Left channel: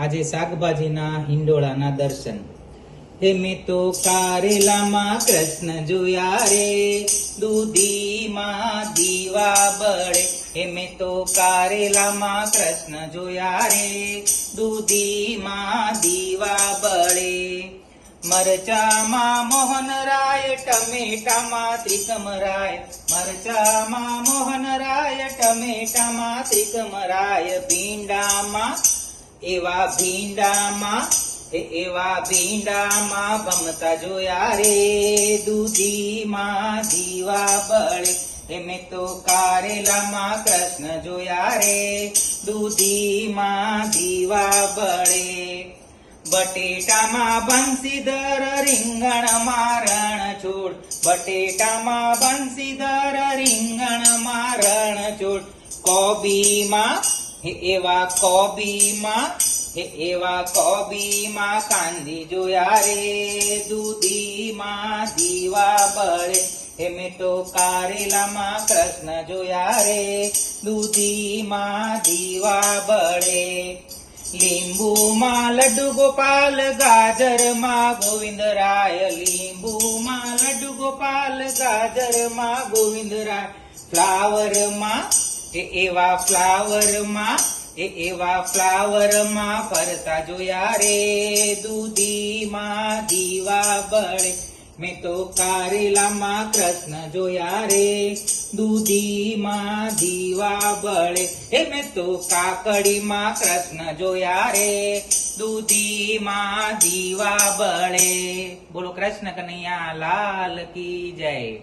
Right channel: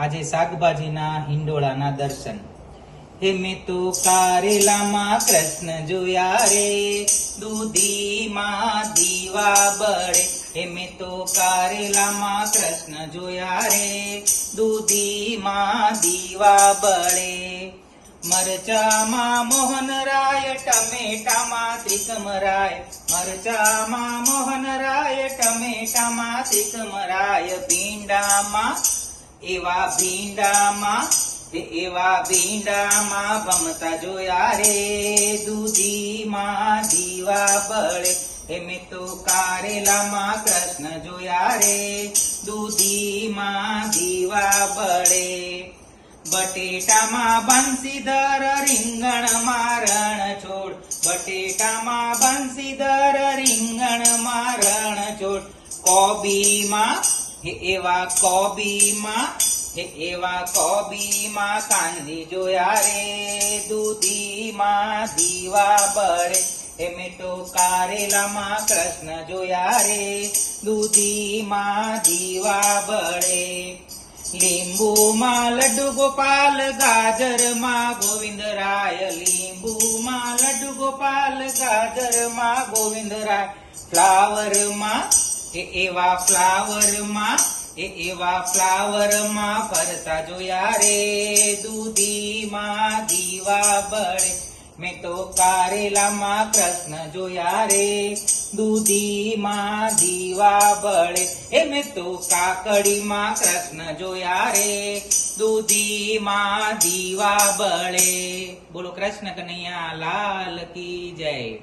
આજે શાકભાજીના હિંડોળાના દર્શન. હે મેં તો કારેલામાં કૃષ્ણ જોયા રે, દૂધીમાં દીવા બળે. હે મેં તો કારેલામાં કૃષ્ણ જોયા રે, દૂધીમાં દીવા બળે. મરચામાં મોહનરાય, ટમેટામાં ત્રિકમરાય. મરચામાં મોહનરાય, ટમેટામાં ત્રિકમરાય. ભીંડામાં એવા ભીંડામાં ગમતા જોયા રે, દૂધીમાં દીવા બળે. હે મેં તો કારેલામાં કૃષ્ણ જોયા રે, દૂધીમાં દીવા બળે. બટેટામાં બંસીધર, રીંગણમાં રણછોડ. બટેટામાં બંસીધર, રીંગણમાં રણછોડ. કોબીમાં એવા કોબીમાં કાંદી જોયા રે, દૂધીમાં દીવા બળે. હે મેં તો કારેલામાં કૃષ્ણ જોયા રે, દૂધીમાં દીવા બળે. લીંબુમાં લડ્ડુ ગોપાલ, ગાજરમાં ગોવિંદરાય. લીંબુમાં લડ્ડુ ગોપાલ, ગાજરમાં ગોવિંદરાય. ફ્લાવરમાં એવા ફ્લાવરમાં ફરતા જોયા રે, દૂધીમાં દીવા બળે. મેં તો કારેલામાં કૃષ્ણ જોયા રે, દૂધીમાં દીવા બળે. હે મેં તો કાકડીમાં કૃષ્ણ જોયા રે, દૂધીમાં દીવા બળે. બોલો કૃષ્ણ કનૈયા લાલ કી જય.